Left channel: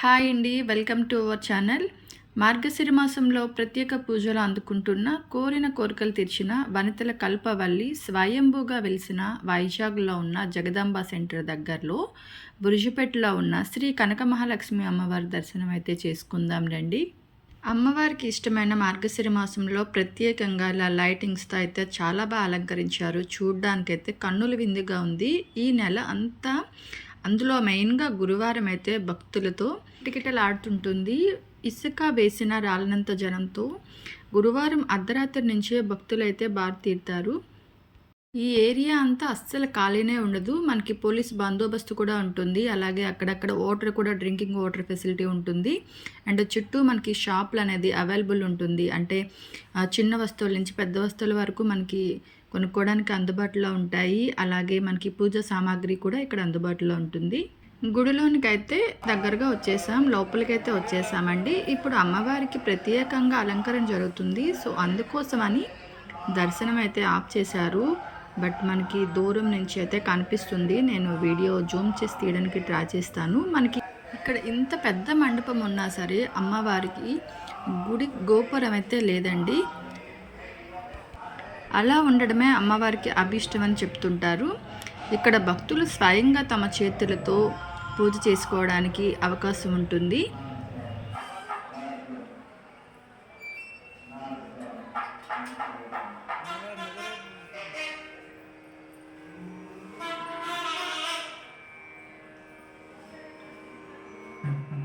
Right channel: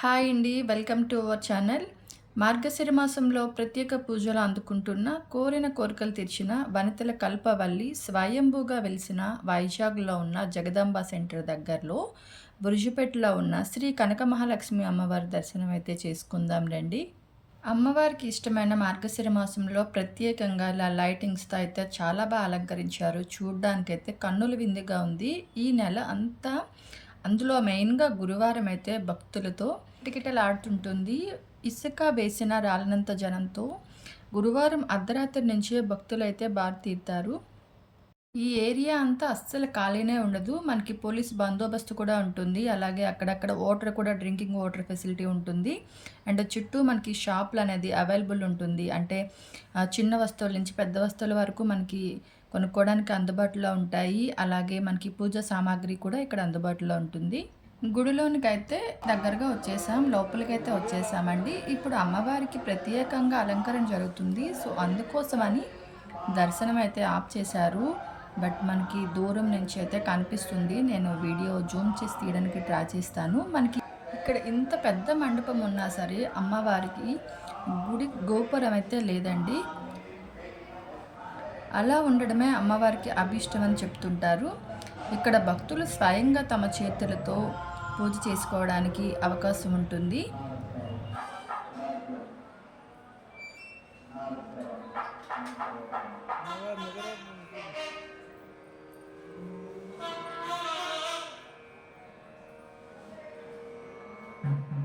Hi అండి welcome to our channel. మార్గశిర మాసంలో ప్రత్యేక పూజలు అందుకుంటున్న కోరిన కోరికలు తీర్చిన వనితల కల్పవల్లి స్వయంభూగా వెలిసిన వైజాగ్లో ఉన్న జగదాంబ సెంటర్ దగ్గరలో బురుజుపేటలో ఉన్న శ్రీ కనక మహాలక్ష్మి అమ్మవారి దర్శనం అయితే చేసుకుందాం రండి. అమ్మవారికి ఇష్టమైన మార్గశిర మాసంలో ప్రత్యేకంగా ఇలా లైటింగ్స్తో అయితే చాలా బాగా అలంకరించారు. చూడ్డానికైతే కన్నుల విందుగా ఉంది. ఈ నెల అంతా అందులో మెయిన్గా గురువారం అయితే భక్తులతో టికిటలాడుతుంటుంది ఇసుక వేసిన రాలినంత జనంతో గురువారం అర్ధరాత్రి నుంచే భక్తులైతే బారి తీరుతారు. ఈ ఏరియా అంతా అస్సలు ఖాళీనే ఉండదు. మనకి పోలీస్ బందోబస్తు కూడా ఉంటుంది. అలాగే అక్కడక్కడ వాటర్ కూడా డ్రింకింగ్ వాటర్ ఫెసిలిటీ ఉంటుంది. అండ్ చుట్టూ మనకి షాపులు అనేది అవైలబుల్ ఉంటుంది. అంటే చిన్న వస్తువుల నుంచి పెద్ద వస్తువుల వరకు మనకి కొనుక్కోవడానికి అందుబాటులో ఉంటాయి. అలాగే మనకి పూజ సామాగ్రి కూడా ఇక్కడ అందుబాటులో ఉంటుంది. గుడిలోనికి అయితే దగ్గరగా వచ్చేసాం. లోపలికైతే వచ్చేసామండి. ఇప్పుడు అమ్మవారికి ప్రత్యేకంగా అలంకరణ జరుగుతుంది. సో అందుకోసమని దర్శనం అయితే ఆఫ్ చేశారు. బట్ మనకి దూరం నుంచి అయితే కనిపిస్తుంది. నేను వీడియో జూమ్ చేసి తీయడానికి ట్రై చేస్తాను. మనకి ఇక్కడ ఇంత పెద్ద మండపం ఉన్నా సరే అమ్మవారికి గుడి గోపురం అయితే లేదండి. అలా ఉండడమే అమ్మవారికి అభిష్టం అని చెప్తుంటారు. ఇక్కడ భక్తులు స్వయంగా తమ చేతులతో పూజ చేసుకోవడానికి అవకాశం ఉంటుంది. Mm-hmm.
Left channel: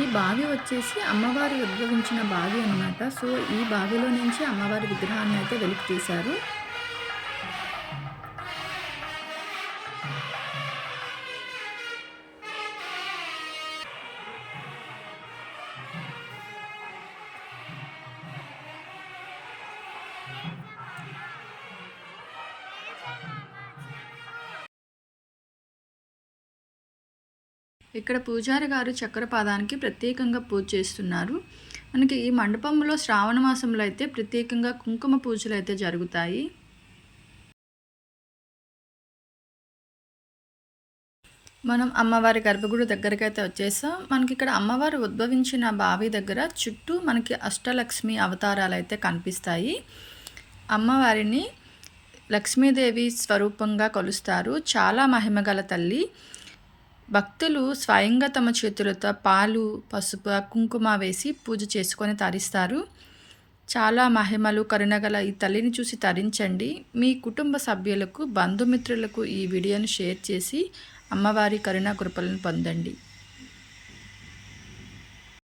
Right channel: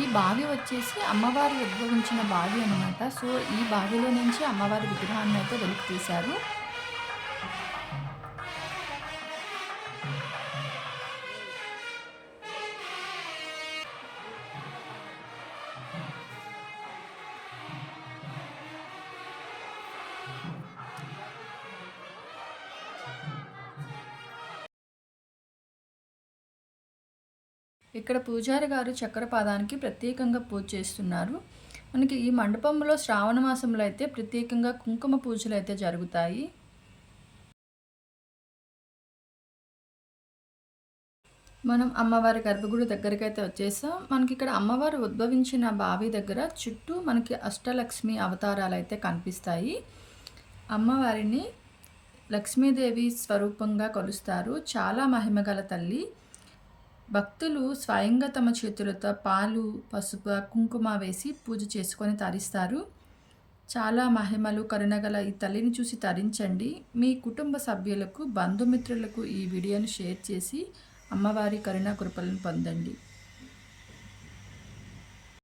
ఈ బావి వచ్చేసి అమ్మవారి ఉద్భవించిన బావి అనమాట సో ఈ బావిలో నుంచి అమ్మవారి విగ్రహాన్ని అయితే వెలికి తీశారు. ఇక్కడ పూజారి గారు చక్రపాదానికి ప్రత్యేకంగా పూజ చేస్తున్నారు. మనకి ఈ మండపంలో శ్రావణ మాసంలో అయితే ప్రత్యేకంగా కుంకుమ పూజలు అయితే జరుగుతాయి. మనం అమ్మవారి గర్భగుడి దగ్గరికి అయితే వచ్చేసాం. మనకి ఇక్కడ అమ్మవారు ఉద్భవించిన బావి దగ్గర చుట్టూ మనకి అష్టలక్ష్మి అవతారాలు అయితే కనిపిస్తాయి. అమ్మవారిని లక్ష్మీదేవి స్వరూపంగా కొలుస్తారు. చాలా మహిమగల తల్లి. భక్తులు స్వయంగా తమ చేతులతో పాలు పసుపు కుంకుమ వేసి పూజ చేసుకొని తరిస్తారు. చాలా మహిమలు కరుణగల ఈ తల్లిని చూసి తరించండి. మీ కుటుంబ సభ్యులకు బంధుమిత్రులకు ఈ వీడియోను షేర్ చేసి అమ్మవారి కరుణ కృపలను పొందండి.